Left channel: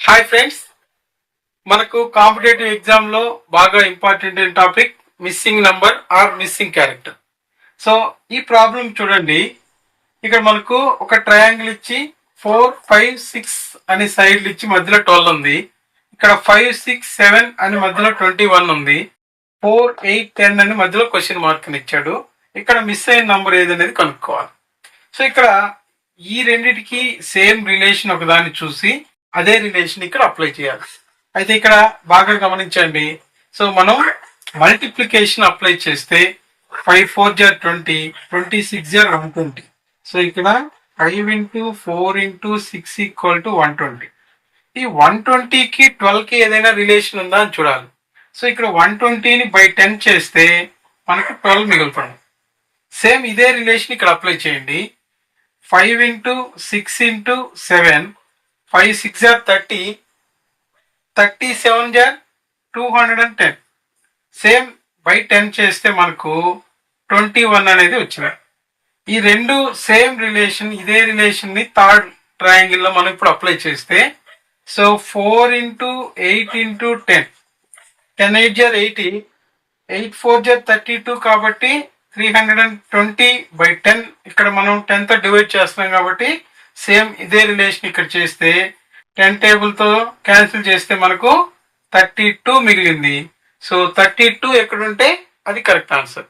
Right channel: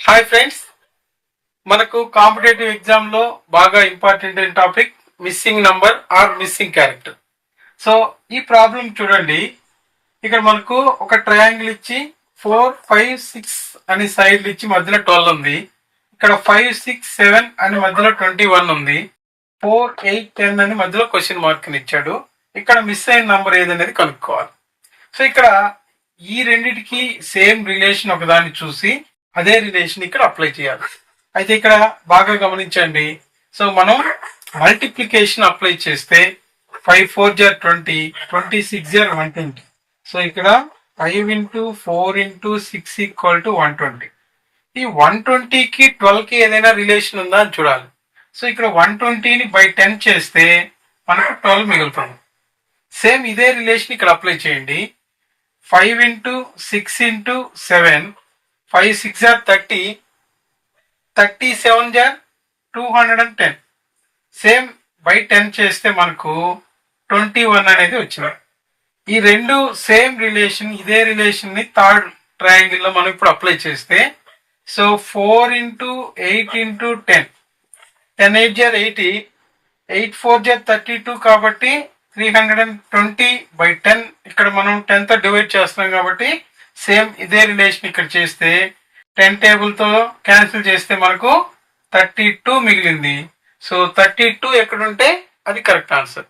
Hi friends, మనకు competitive exam లో బాగా ఇంపార్టెంట్ అయిన topic missing number or missing character. So ఈ ప్రాబ్లం చూడండి. ఇక్కడ మనకు ఒక ట్రయాంగిల్ ఇచ్చి 4, 5, 6 అని సైడ్లు ఇచ్చి మధ్యలో 12 ఉంది. ఇక్కడ 5, 6, 7 అని మధ్యలో 21 ఉంది. 4, 8, 10 అని మధ్యలో క్వశ్చన్ మార్క్ అని ఇచ్చాడు. ఇక్కడ మిస్ అయిన నంబర్ ఏదనేది కనుక్కోవాలి. సో ఇక్కడ ఈ రెండిటికి సేమ్ రిలేషన్ ఒకదాన్ని చూసి అదే రిలేషన్ ఇక్కడ అప్లై చేయాలి. అయితే ఇక్కడ బాగా గమనించండి. సో మనం మల్టిప్లికేషన్ అప్లై చేస్తే 5 4 20, 26 120. సో ఇక్కడ 5 into 4 into 6 ఈక్వల్ టు 120. ఈ 120కి 12కి ఏదైనా రిలేషన్ ఉందా అని చూడాలి. సో ఇక్కడ 120ని బై 10 చేస్తే మనకు 12 మిగులుతుంది. సేమ్ ఇదే రిలేషన్ ఇక్కడ అప్లై చేయండి. 5 into 6 into 7, 5 6 30, 37 210. సేమ్ బై 10 చేస్తే మనకు 21 అనేది వచ్చింది. ఈ రెండు సేమ్ రిలేషన్, ఇదే రిలేషన్ ని థర్డ్ ట్రయాంగిల్ లో మనం ఇప్పుడు అప్లై చేస్తే, సో 4 into 8 into 10, 10 8 80, 8 4 32 కాబట్టి 320/10. ఇక్కడ మనం 10 తో డివైడ్ చేస్తున్నాం కాబట్టి సేమ్ ఇదే రిలేషన్ ఇక్కడ చేస్తే 10 టేబుల్ తో క్యాన్సిల్ చేస్తే మనకు 32 మిగిలింది. సో 32 ఎక్కడుంటే అది కరెక్ట్ ఆన్సర్.